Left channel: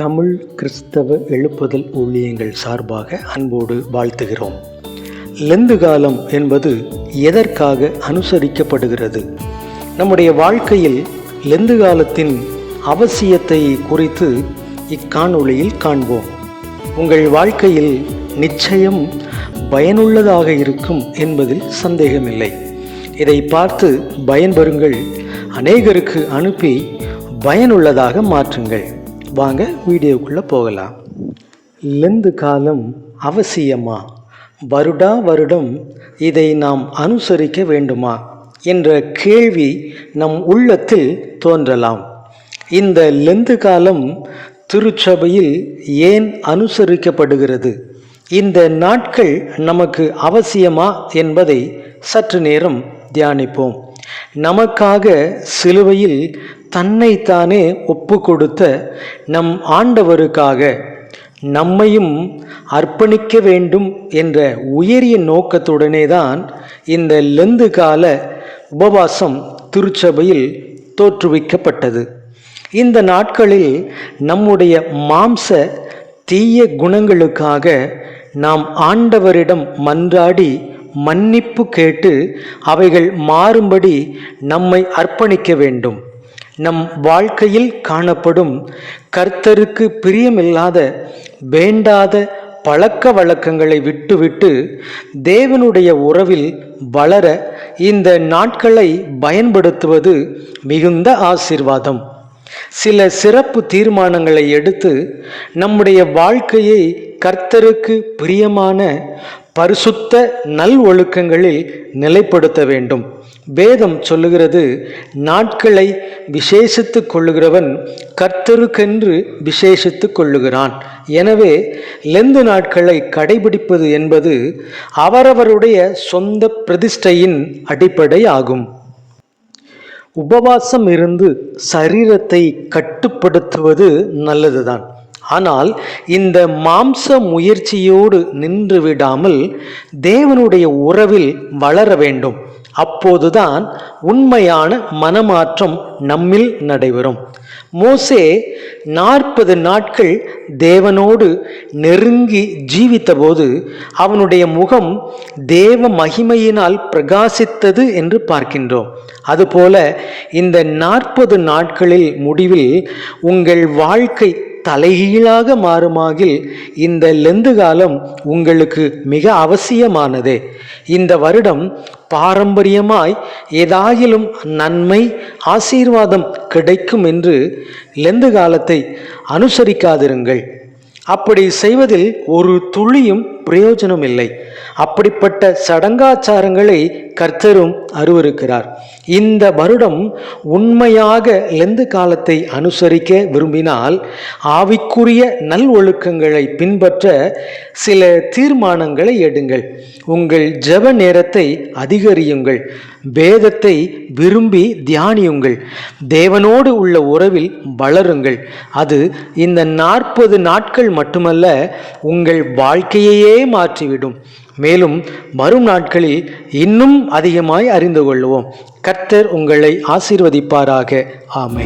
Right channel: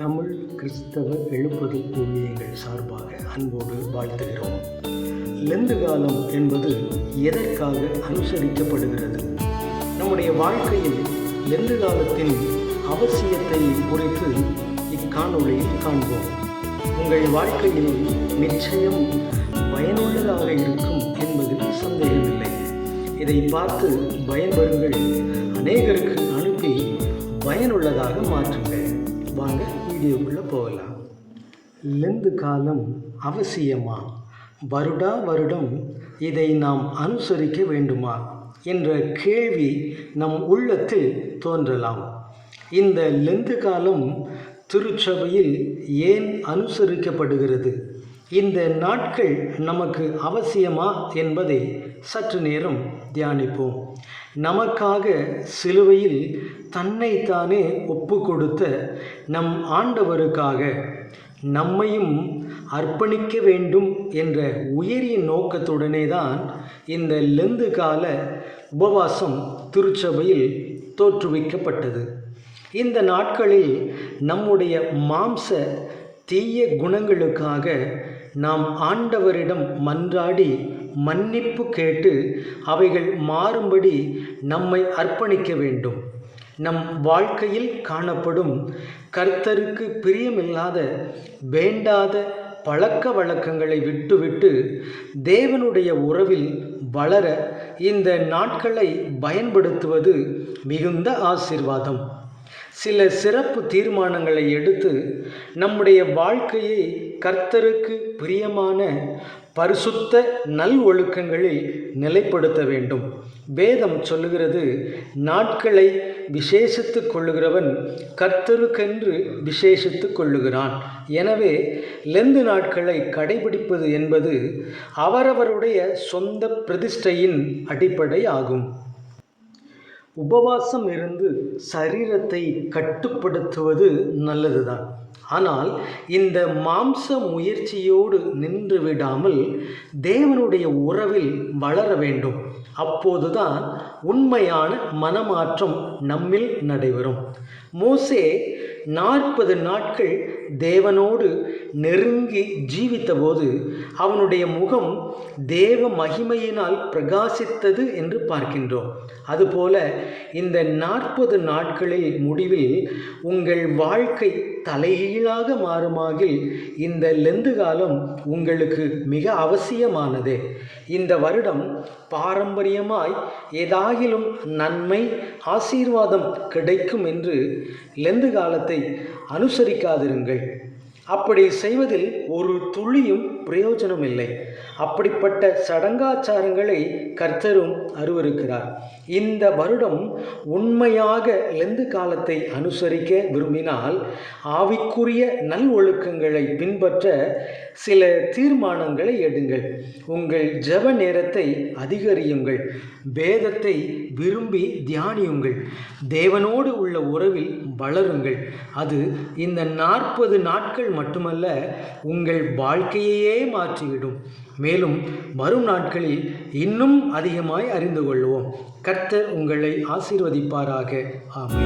தமிழ் கிறிஸ்தவ எழுப்புதல் ஊழியங்கள் சார்பாக அன்போடு வாழ்த்துகிறோம். லெந்து காலம் என்பது எதற்காக அனுசரிக்கப்படுகிறது? நம்முடைய வாழ்க்கையில் லெந்து காலத்தின் அவசியத்தை குறித்து இக்காணொளியில் காண்போம். உங்கள் வாழ்க்கையில் நிச்சயம் பயனுள்ளதாக இருக்கும் என்பதில் சந்தேகமில்லை. இதை பார்த்து பயன்பெறுங்கள். அநேகருக்கு அனுப்பி பயனுள்ளதாக மாற்றுங்கள். வாங்க வீடியோக்குள்ளே போகலாம். லெந்து காலம் அவசியமா? வருடா வருடம் இதை நாம் அனுசரிக்க வேண்டுமா? என்ற கேள்வி நம் உள்ளத்தில் தோன்றலாம். இந்த லெந்து காலம் திருச்சபையில் ஏன் அனுசரிக்கப்படுகிறது? இந்த நாட்கள் நமக்கு அவசியமா என்பதை சற்று நேரம் தியானிப்போம். நமக்காக சிலுவையில் தன்னைத்தானே ஒப்பு கொடுத்த நம் ஆண்டவருக்காக நம்மையும் அர்ப்பணிக்க வேண்டும் என்ற உயரிய நோக்கத்துடனே தான் இந்த லெந்து கால உபவாசம் திருச்சபையில் தோற்றுவிக்கப்பட்டது. இந்த நாட்களில் நம்முடைய மாம்ச தீய குணங்களுக்காக நாம் ஆண்டவரிடம் மன்றாடி மன்னிப்பு கேட்டு அவைகள் மாறும்படி நம்மை அர்ப்பணிக்க வேண்டும். நம் வாழ்க்கையில் காணப்படும் கர்த்தருக்கு பிரியமில்லாத வேண்டாத பழக்க வழக்கங்களை விட்டுவிட்டு தேவனுடைய உறவில் வளர இந்த நாட்களை பயன்படுத்துவது மிகுந்த ஆசிர்வாதம். சில சிறப்பு தீர்மானங்களை எடுத்து நம்முடைய வாழ்க்கையை கர்த்தருக்கு பிரியமான பரிசுத்த நல் ஒழுக்கங்களில் நிலைப்படுத்த வேண்டும். வேதம் சொல்லுகிறது நாட்களை விசேஷித்து கொள்ளுகிறவன் கர்த்தருக்கென்று விசேஷித்து கொள்ளுகிறான். எனவே லெந்து நாட்களை கடைபிடிப்பது என்பது அவரவருடைய சொந்த பிரதிஷ்டையின் அடிப்படை ஆகும் உபவாசம் இருந்து சரீரத்தை கட்டுப்படுத்துவது நல்லதுதான். ஆனால் இந்த மாம்ச முயற்சியோடு நின்று விடாமல் தேவனுடைய உறவில் வளர வேண்டும். அப்போதுதான் உண்மையான மனமாற்றம் நம்மில் நடைபெறும். மோசே நாற்பது நாட்கள் தேவனோடு நெருங்கி ஜீவித்தபோது அவனுடைய முகம் தேவ மகிமையினால் பிரகாசித்தது என்று பார்க்கின்றோம். அதுபோல இந்த நாற்பது நாட்களில் முடிவில் உங்கள் வாழ்க்கை தலைகீழாக மாறுமாகில் இந்த லெந்து காலம் உங்களுக்கு மிக அவசியமானது. இந்த வருடம் பாரம்பரியமாய் ஏதாகிலும் நன்மை ஆசீர்வாதம் கிடைக்கும் என்று லெந்து காலத்தை அனுசரிக்காதிருங்கள். அப்படி செய்வதில் ஒரு துளியும் பிரயோஜனம் இல்லை அப்படிப்பட்ட சடங்காச்சாரங்களை கர்த்தரும் அருவருக்கிறார். இந்த வருடம் உண்மையாக லெந்து காலத்தை அனுசரிக்க விரும்பினால் ஆவிக்குரிய நல் ஒழுக்கங்களை பின்பற்ற சில தீர்மானங்களை எடுங்கள். உங்கள் ஜெப நேரத்தை அதிகரியுங்கள். வேதத்தை விரும்பி தியானியுங்கள். தேவனோடு உள்ள உறவில் வளருங்கள். அது இந்த நாற்பது நாட்கள் மட்டுமல்ல உங்கள் வாழ்க்கையையே மாற்றிவிடும். மேலும் வரும் நாட்களில் இன்னும் அதிகமாய் அறிந்து கொள்வோம். கர்த்தர் உங்களை ஆசீர்வதிப்பாராக. ஆமை